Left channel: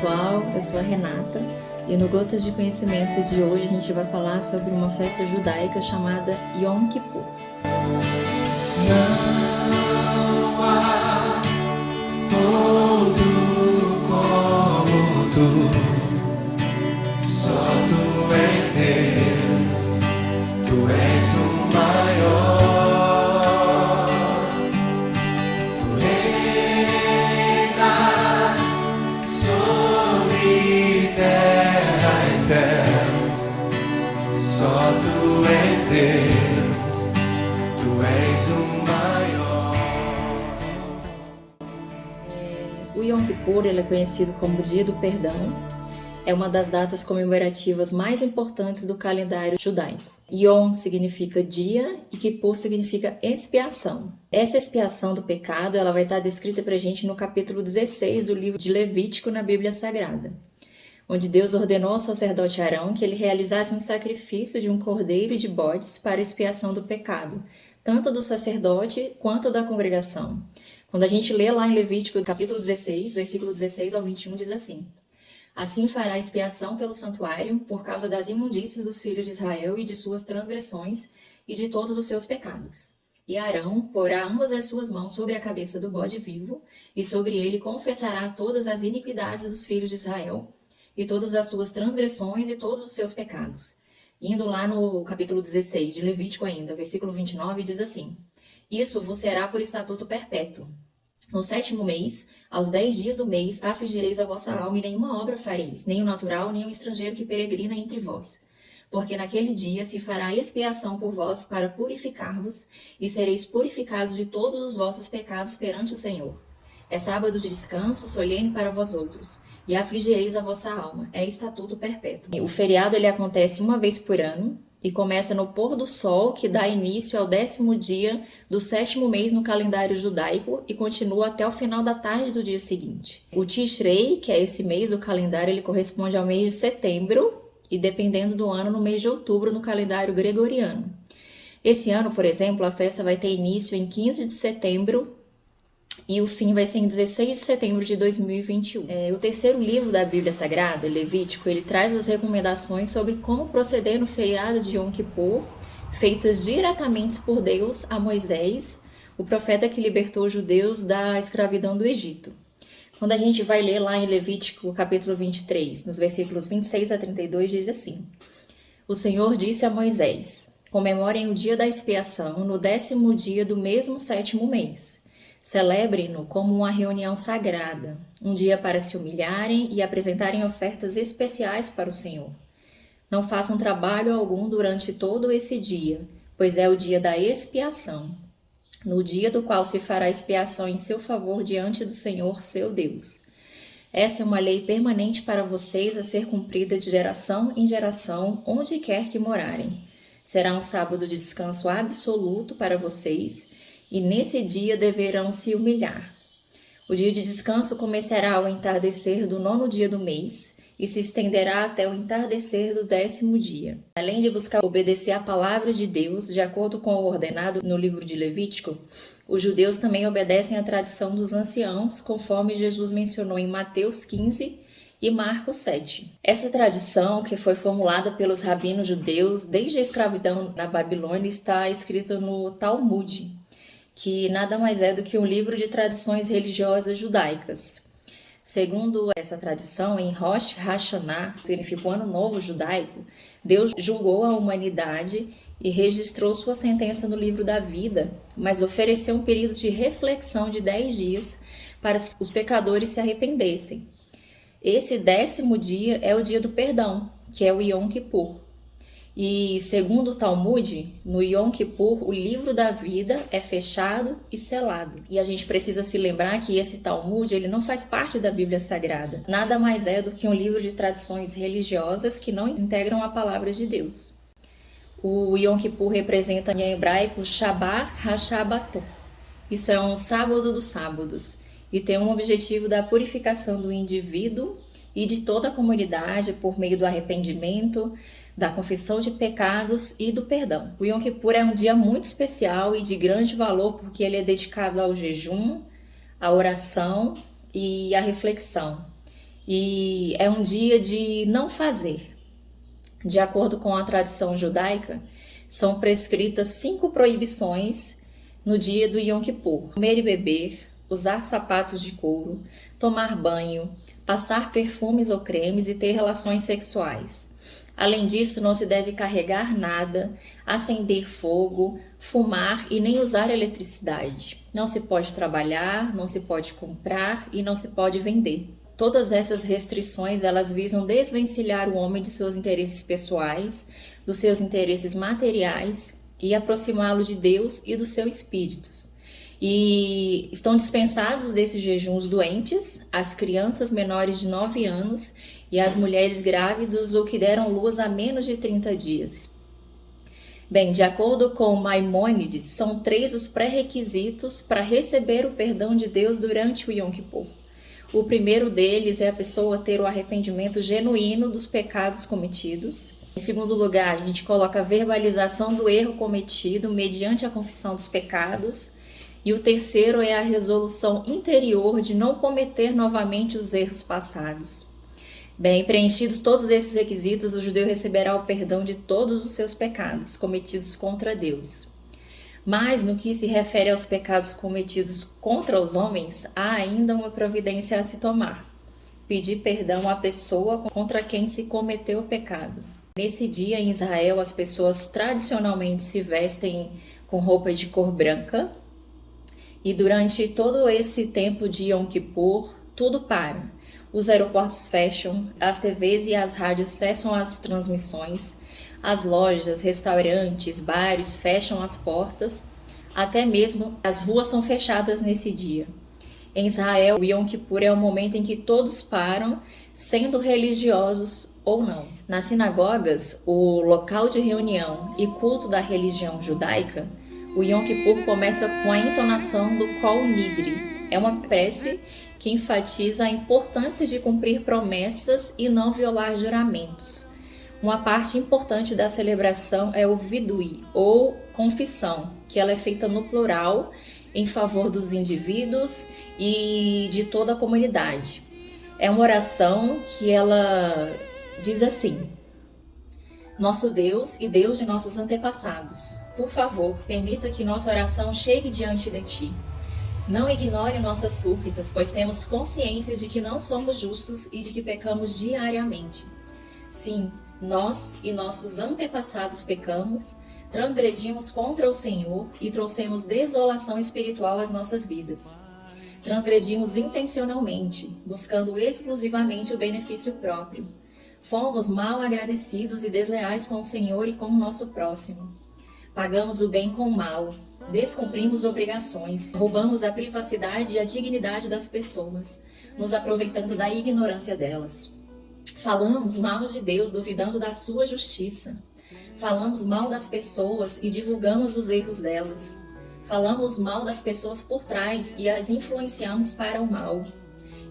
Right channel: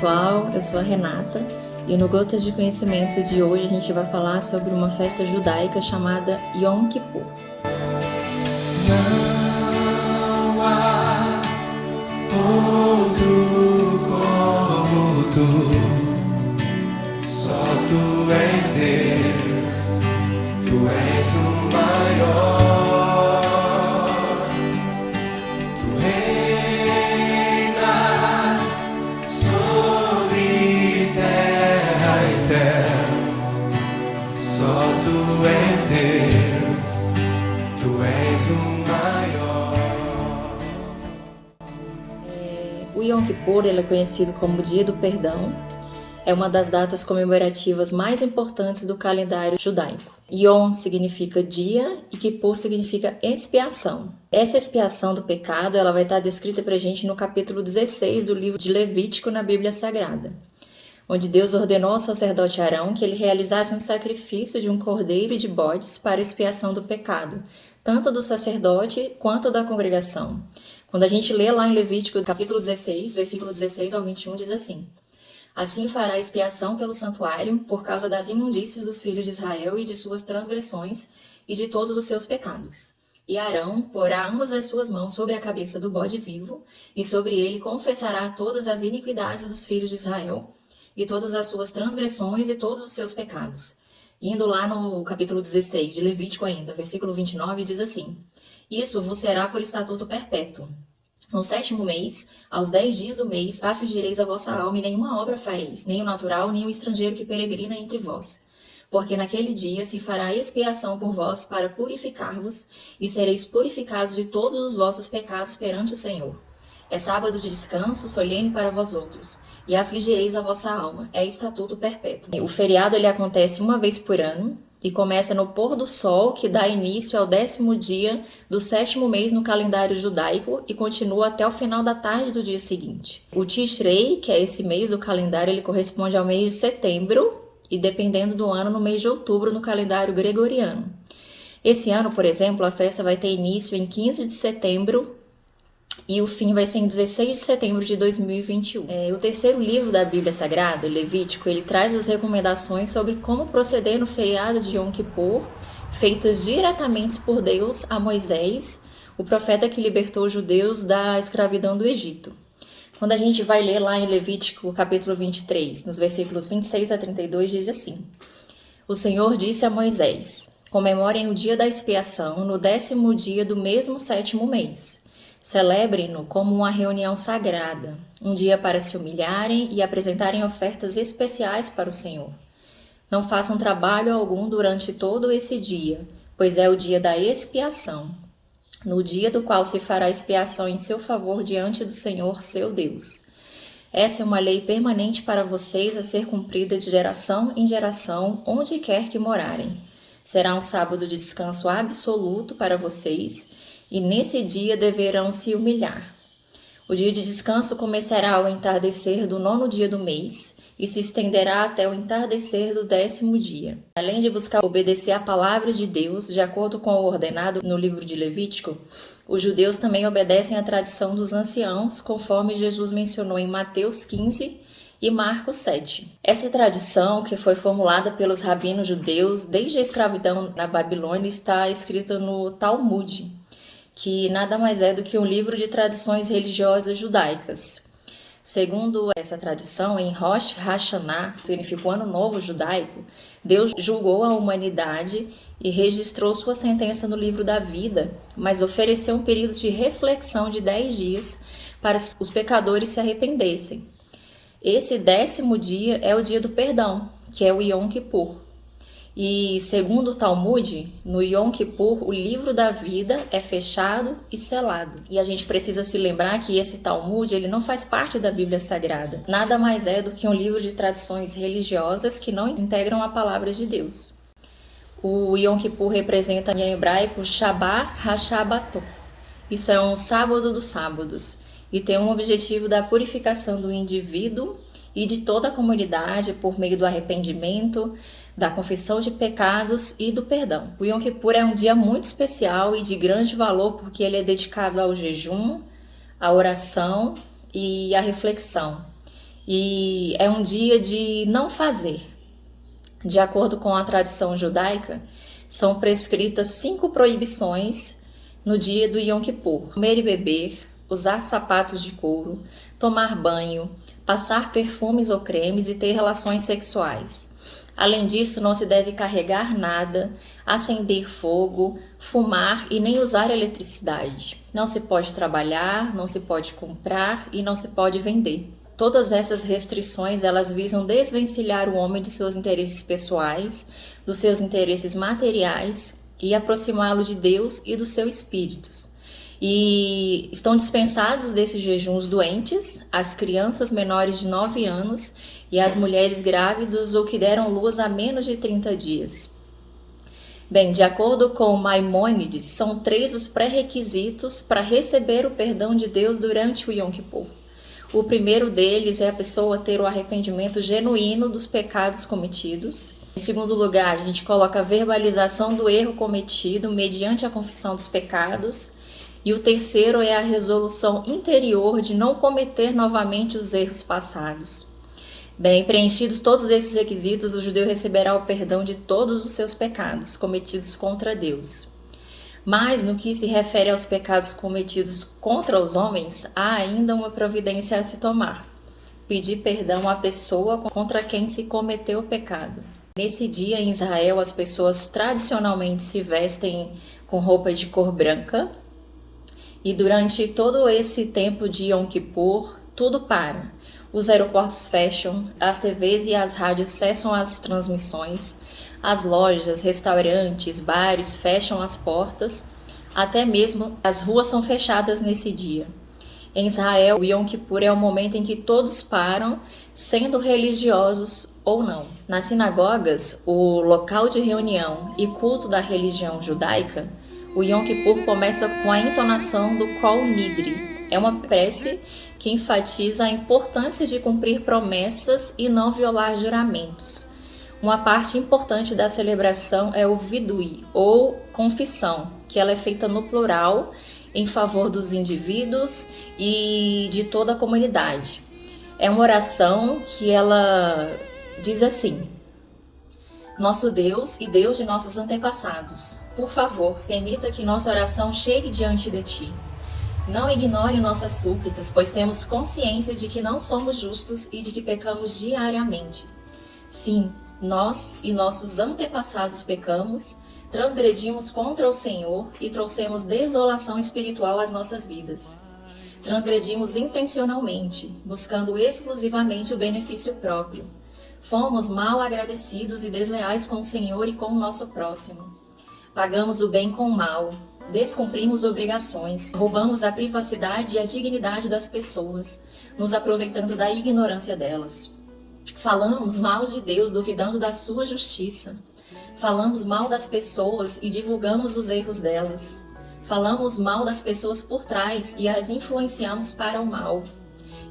pessoal, eu sou a Renata e no Gotas de Conhecimento de hoje a gente vai falar sobre uma festa judaica chamada Yom Kippur. Não há outro como tu, só tu és Deus, tu és o maior. Só tu és Deus, tu és o maior. O Yom Kippur ele é conhecido como Dia do Perdão. É uma das datas comemorativas mais importantes do calendário judaico. Yom significa dia e Kippur significa expiação. Essa expiação do pecado ela vai estar descrita para a gente no capítulo 16 do livro de Levítico na Bíblia Sagrada, onde Deus ordenou ao sacerdote Arão que ele realizasse um sacrifício de um cordeiro e de bodes para expiação do pecado, tanto do sacerdote quanto da congregação. Quando a gente lê lá em Levítico, capítulo 16, versículo 16 ao 21, diz assim: Assim fará expiação pelo santuário por causa das imundícies dos filhos de Israel e de suas transgressões e de todos os seus pecados. E Arão porá ambas as suas mãos sobre a cabeça do bode vivo, e sobre ele confessará todas as iniquidades dos filhos de Israel, e todas as suas transgressões e todos os seus pecados. Indo lá no capítulo 16 de Levítico ainda, versículo 29, diz assim: Isso vos será por estatuto perpétuo. No 7º mês, aos 10 dias do mês, afligireis a vossa alma e nenhuma obra fareis, nem o natural, nem o estrangeiro que peregrina entre vós. Porque naquele dia se fará expiação por vós para purificar-vos, e sereis purificados de todos os vossos pecados perante o Senhor. É sábado de descanso, solene para vós outros, e afligireis a vossa alma, é estatuto perpétuo. O feriado ele acontece uma vez por ano, e começa no pôr do sol, que dá início ao 10º dia do 7º mês no calendário judaico, e continua até o final da tarde do dia seguinte. O Tishrei, que é esse mês do calendário, ele corresponde ao mês de setembro, e dependendo do ano, no mês de outubro no calendário gregoriano. Esse ano, por exemplo, a festa vai ter início em 15 de setembro, e o fim vai ser em 16 de setembro de 2021. O terceiro livro da Bíblia Sagrada, Levítico, ele traz as recomendações sobre como proceder no feriado de Yom Kippur, feitas diretamente por Deus a Moisés, o profeta que libertou os judeus da escravidão do Egito. Quando a gente vai ler lá em Levítico, capítulo 23, nos versículos 26 a 32, diz assim: O Senhor disse a Moisés: Comemorem o dia da expiação no 10º dia do mesmo 7º mês. Celebrem-no como uma reunião sagrada, um dia para se humilharem e apresentarem ofertas especiais para o Senhor. Não façam trabalho algum durante todo esse dia, pois é o dia da expiação, no dia do qual se fará expiação em seu favor diante do Senhor, seu Deus. Essa é uma lei permanente para vocês a ser cumprida de geração em geração, onde quer que morarem. Será um sábado de descanso absoluto para vocês, e nesse dia deverão se humilhar. O dia de descanso começará ao entardecer do 9º dia do mês e se estenderá até o entardecer do 10º dia. Além de buscar obedecer à palavra de Deus, de acordo com o ordenado no livro de Levítico, os judeus também obedecem à tradição dos anciãos, conforme Jesus mencionou em Mateus 15 e Marcos 7. Essa tradição, que foi formulada pelos rabinos judeus desde a escravidão na Babilônia, está escrita no Talmud, que nada mais é do que um livro de tradições religiosas judaicas. Segundo essa tradição, em Rosh Hashanah, que significa o Ano Novo Judaico, Deus julgou a humanidade e registrou sua sentença no livro da vida, mas ofereceu um período de reflexão de 10 dias para que os pecadores se arrependessem. Esse 10º dia é o dia do perdão, que é o Yom Kippur. E, segundo o Talmud, no Yom Kippur, o livro da vida é fechado e selado. E a gente precisa se lembrar que esse Talmud ele não faz parte da Bíblia Sagrada. Nada mais é do que um livro de tradições religiosas que não integram a palavra de Deus. O Yom Kippur representa em hebraico Shabbat HaShabbatot. Isso é um sábado dos sábados e tem um objetivo da purificação do indivíduo e de toda a comunidade por meio do arrependimento, da confissão de pecados e do perdão. O Yom Kippur é um dia muito especial e de grande valor porque ele é dedicado ao jejum, à oração e à reflexão. e é um dia de não fazer. De acordo com a tradição judaica, são prescritas 5 proibições no dia do Yom Kippur: comer e beber, usar sapatos de couro, tomar banho, passar perfumes ou cremes e ter relações sexuais. Além disso, não se deve carregar nada, acender fogo, fumar e nem usar eletricidade. Não se pode trabalhar, não se pode comprar e não se pode vender. Todas essas restrições, elas visam desvencilhar o homem de seus interesses pessoais, dos seus interesses materiais e aproximá-lo de Deus e dos seus espíritos. E estão dispensados desses jejuns doentes, as crianças menores de 9 anos e as mulheres grávidas ou que deram luz há menos de 30 dias. Bem, de acordo com Maimônides, são 3 os pré-requisitos para receber o perdão de Deus durante o Yom Kippur. O primeiro deles é a pessoa ter o arrependimento genuíno dos pecados cometidos. Em segundo lugar, a gente coloca a verbalização do erro cometido mediante a confissão dos pecados. E o terceiro é a resolução interior de não cometer novamente os erros passados. Bem, preenchidos todos esses requisitos, o judeu receberá o perdão de todos os seus pecados cometidos contra Deus. Mas, no que se refere aos pecados cometidos contra os homens, há ainda uma providência a se tomar: pedir perdão à pessoa contra quem se cometeu o pecado. Nesse dia, em Israel, as pessoas tradicionalmente se vestem com roupas de cor branca, e durante todo esse tempo de Yom Kippur, tudo para. Os aeroportos fecham, as TVs e as rádios cessam as transmissões, as lojas, restaurantes, bares fecham as portas, até mesmo as ruas são fechadas nesse dia. Em Israel, o Yom Kippur é o momento em que todos param, sendo religiosos ou não. Nas sinagogas, o local de reunião e culto da religião judaica, o Yom Kippur começa com a entonação do Kol Nidri. É uma prece que enfatiza a importância de cumprir promessas e não violar juramentos. Uma parte importante da celebração é o Vidui, ou confissão, que ela é feita no plural, em favor dos indivíduos e de toda a comunidade. É uma oração que ela diz assim: Nosso Deus e Deus de nossos antepassados, por favor, permita que nossa oração chegue diante de Ti. Não ignore nossas súplicas, pois temos consciência de que não somos justos e de que pecamos diariamente. Sim, nós e nossos antepassados pecamos, transgredimos contra o Senhor e trouxemos desolação espiritual às nossas vidas. Transgredimos intencionalmente, buscando exclusivamente o benefício próprio. Fomos mal agradecidos e desleais com o Senhor e com o nosso próximo. Pagamos o bem com o mal, descumprimos obrigações, roubamos a privacidade e a dignidade das pessoas, nos aproveitando da ignorância delas. Falamos mal de Deus, duvidando da sua justiça. Falamos mal das pessoas e divulgamos os erros delas. Falamos mal das pessoas por trás e as influenciamos para o mal.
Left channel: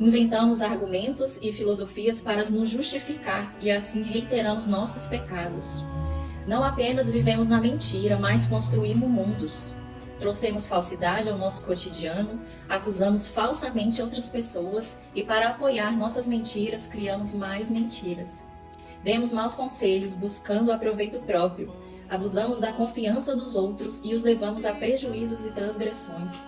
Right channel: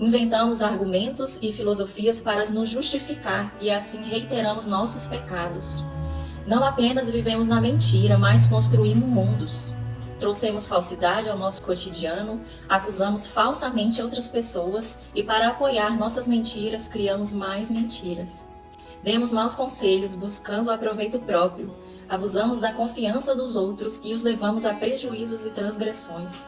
Inventamos argumentos e filosofias para nos justificar e assim reiteramos nossos pecados. Não apenas vivemos na mentira, mas construímos mundos. Trouxemos falsidade ao nosso cotidiano, acusamos falsamente outras pessoas e para apoiar nossas mentiras, criamos mais mentiras. Demos maus conselhos buscando aproveito próprio, abusamos da confiança dos outros e os levamos a prejuízos e transgressões.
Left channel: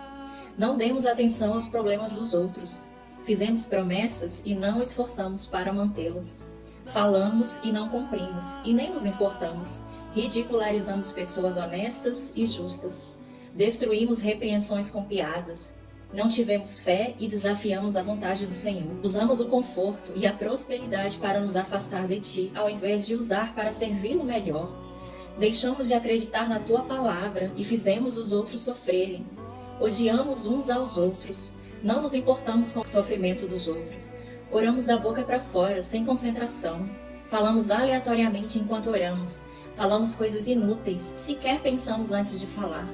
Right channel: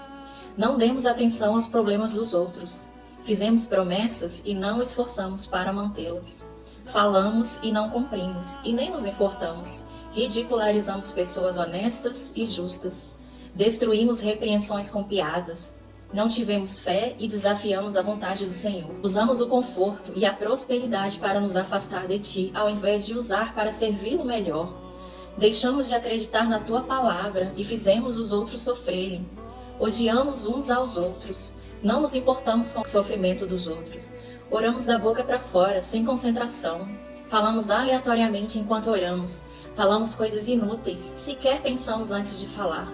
Não demos atenção aos problemas dos outros. Fizemos promessas e não esforçamos para mantê-las. Falamos e não cumprimos, e nem nos importamos. Ridicularizamos pessoas honestas e justas. Destruímos repreensões com piadas. Não tivemos fé e desafiamos a vontade do Senhor. Usamos o conforto e a prosperidade para nos afastar de Ti, ao invés de usar para servi-lo melhor. Deixamos de acreditar na Tua palavra e fizemos os outros sofrerem. Odiamos uns aos outros. Não nos importamos com o sofrimento dos outros. Oramos da boca para fora, sem concentração. Falamos aleatoriamente enquanto oramos. Falamos coisas inúteis, sequer pensamos antes de falar.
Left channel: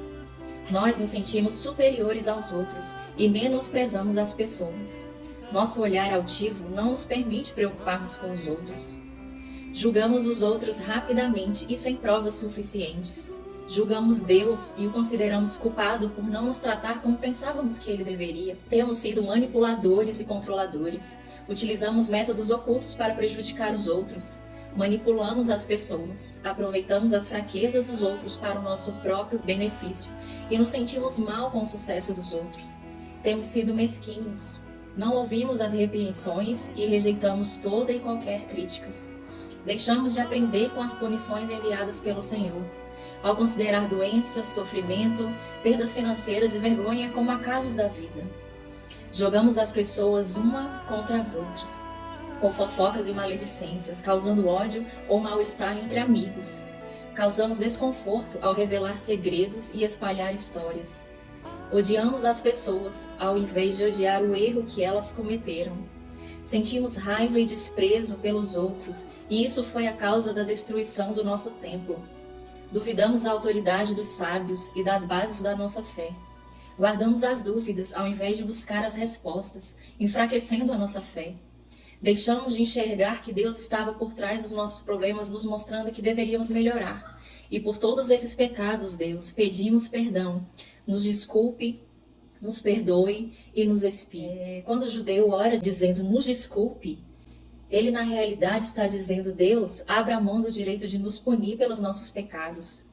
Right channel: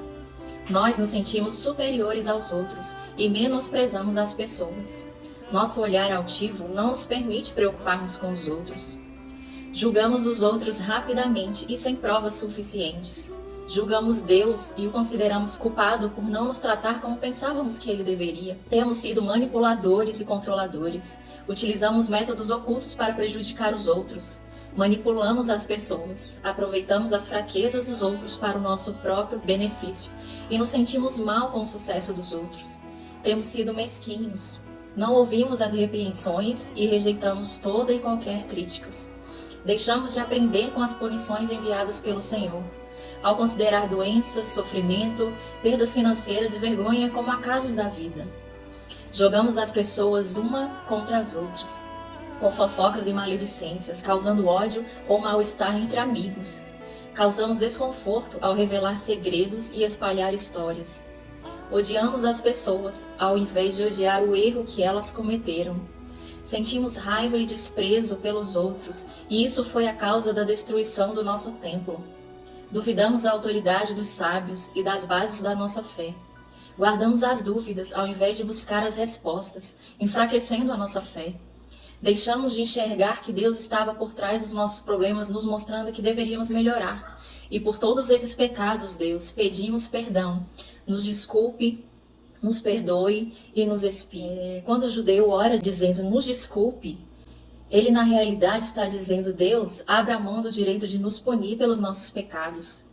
Nós nos sentimos superiores aos outros e menosprezamos as pessoas. Nosso olhar altivo não nos permite preocupar-nos com os outros. Julgamos os outros rapidamente e sem provas suficientes. Julgamos Deus e o consideramos culpado por não nos tratar como pensávamos que ele deveria. Temos sido manipuladores e controladores. Utilizamos métodos ocultos para prejudicar os outros. Manipulamos as pessoas. Aproveitamos as fraquezas dos outros para o nosso próprio benefício e nos sentimos mal com o sucesso dos outros. Temos sido mesquinhos. Não ouvimos as repreensões e rejeitamos toda e qualquer críticas. Deixamos de aprender com as punições enviadas pelo Senhor. Ao considerar doenças, sofrimento, perdas financeiras e vergonha como acasos da vida. Jogamos as pessoas uma contra as outras, com fofocas e maledicências, causando ódio ou mal-estar entre amigos. Causamos desconforto ao revelar segredos e espalhar histórias. Odiamos as pessoas, ao invés de odiar o erro que elas cometeram. Sentimos raiva e desprezo pelos outros, e isso foi a causa da destruição do nosso templo. Duvidamos da autoridade dos sábios e das bases da nossa fé. Guardamos as dúvidas ao invés de buscar as respostas, enfraquecendo a nossa fé. Deixamos de enxergar que Deus estava por trás dos nossos problemas, nos mostrando que deveríamos melhorar. E por todos esses pecados, Deus, pedimos perdão. Nos desculpe, nos perdoe e nos expie. Quando o judeu ora dizendo nos desculpe, ele na realidade está dizendo: Deus, abra a mão do direito de nos punir pelos nossos pecados.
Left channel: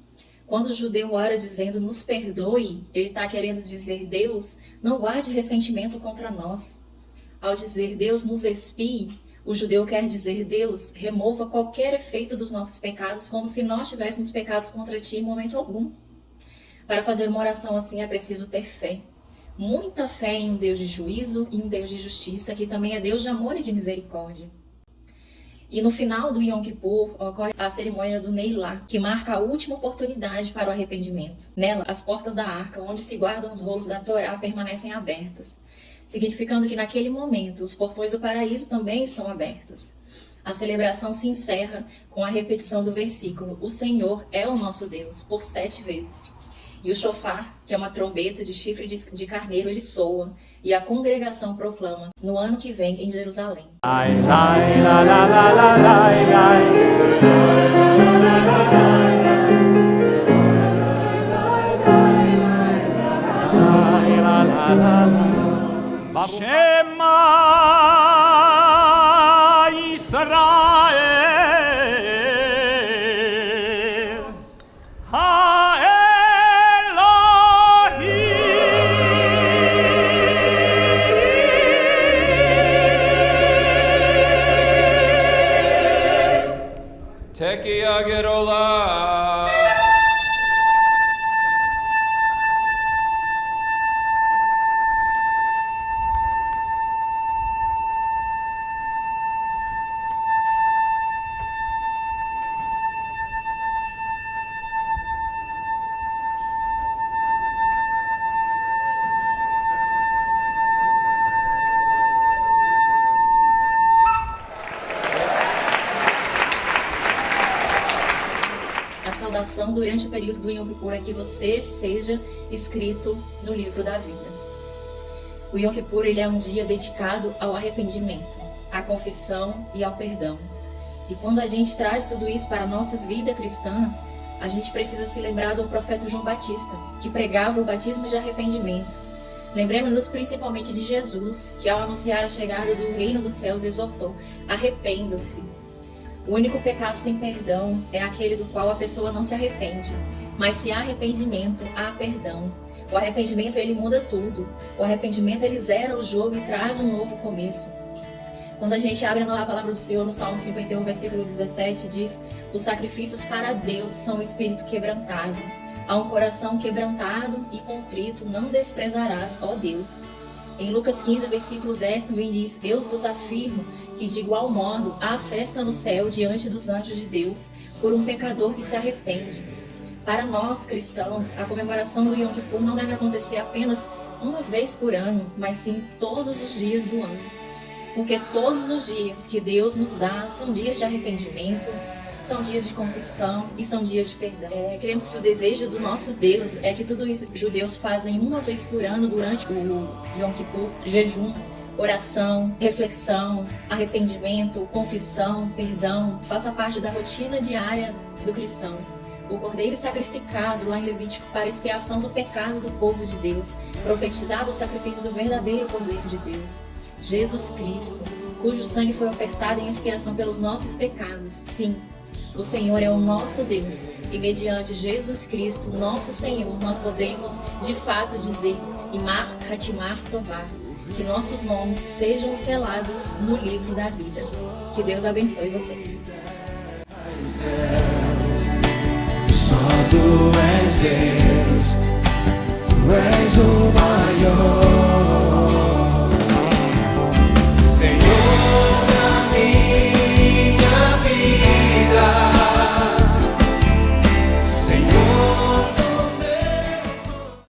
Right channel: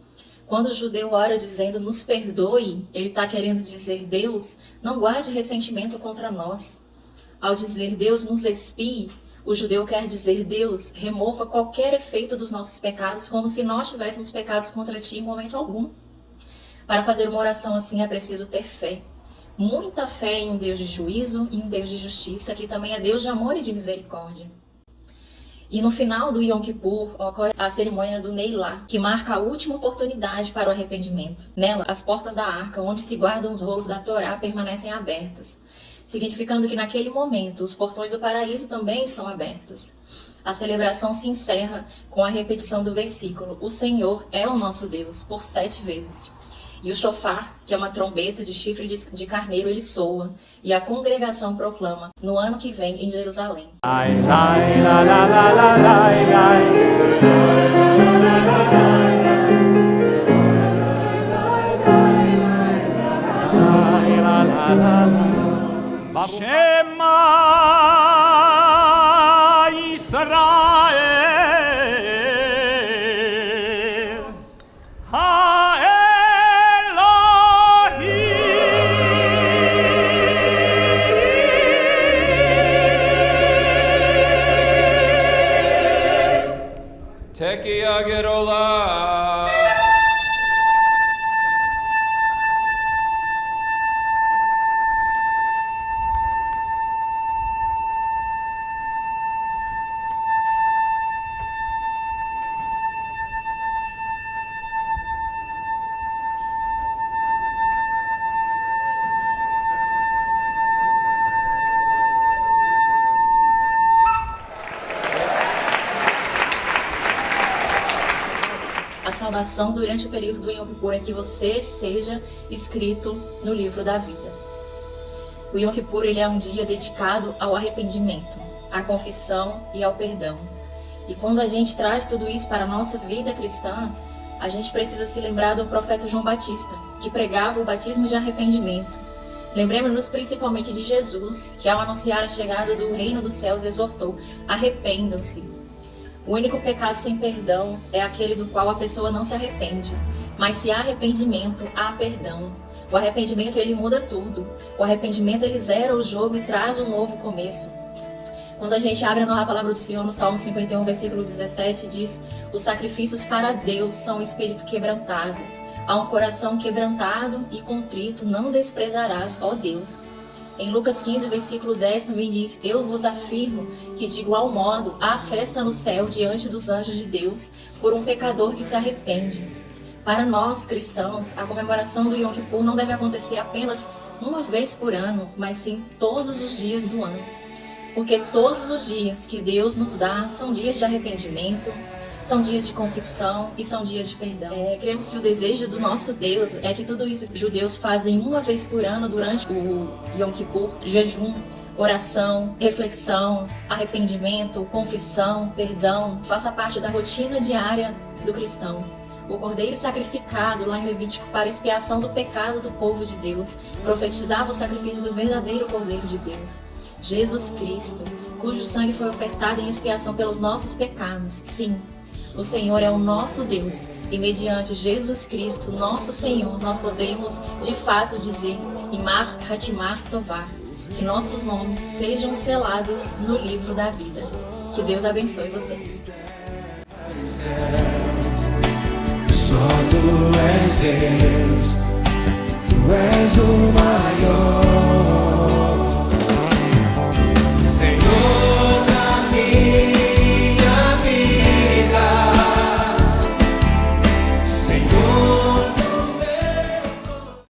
Quando o judeu ora dizendo nos perdoe, ele está querendo dizer: Deus, não guarde ressentimento contra nós. Ao dizer Deus nos expie, o judeu quer dizer: Deus, remova qualquer efeito dos nossos pecados, como se nós tivéssemos pecados contra ti em momento algum. Para fazer uma oração assim é preciso ter fé. Muita fé em um Deus de juízo e um Deus de justiça, que também é Deus de amor e de misericórdia. E no final do Yom Kippur ocorre a cerimônia do Neilá, que marca a última oportunidade para o arrependimento. Nela, as portas da arca, onde se guardam os rolos da Torá, permanecem abertas, significando que naquele momento os portões do paraíso também estão abertos. A celebração se encerra com a repetição do versículo: O Senhor é o nosso Deus, por 7 vezes. E o shofar, que é uma trombeta de chifre de carneiro, ele soa, e a congregação proclama: no ano que vem em Jerusalém. Shema Israel Tekiah Gedolah. A saudação durante o período do Yom Kippur é que você seja escrito no livro da vida. O Yom Kippur ele é um dia dedicado ao arrependimento, à confissão e ao perdão. E quando a gente traz tudo isso para a nossa vida cristã, a gente precisa se lembrar do profeta João Batista, que pregava o batismo de arrependimento. Lembremos-nos principalmente de Jesus, que ao anunciar a chegada do reino dos céus exortou: arrependam-se. O único pecado sem perdão é aquele do qual a pessoa não se arrepende. Mas se há arrependimento, há perdão. O arrependimento ele muda tudo. O arrependimento ele zera o jogo e traz um novo começo. Quando a gente abre a palavra do Senhor no Salmo 51, versículo 17, diz: os sacrifícios para Deus são o espírito quebrantado. A um coração quebrantado e contrito não desprezarás, ó Deus. Em Lucas 15, versículo 10 também diz: eu vos afirmo que de igual modo há festa no céu diante dos anjos de Deus por um pecador que se arrepende. Para nós cristãos, a comemoração do Yom Kippur não deve acontecer apenas uma vez por ano, mas sim todos os dias do ano. Porque todos os dias que Deus nos dá são dias de arrependimento, são dias de confissão e são dias de perdão. Cremos que o desejo do nosso Deus é que tudo isso que os judeus fazem uma vez por ano durante o Yom Kippur, jejum, oração, reflexão, arrependimento, confissão, perdão, faça parte da rotina diária do cristão. o cordeiro sacrificado lá em Levítico para expiação do pecado do povo de Deus, profetizava o sacrifício do verdadeiro cordeiro de Deus, Jesus Cristo, cujo sangue foi ofertado em expiação pelos nossos pecados. Sim, o Senhor é o nosso Deus, e mediante Jesus Cristo, nosso Senhor, nós podemos de fato dizer, Imar Hatimar Tová, que nossos nomes sejam selados no livro da vida. Que Deus abençoe vocês. Só tu és Deus, tu és o maior.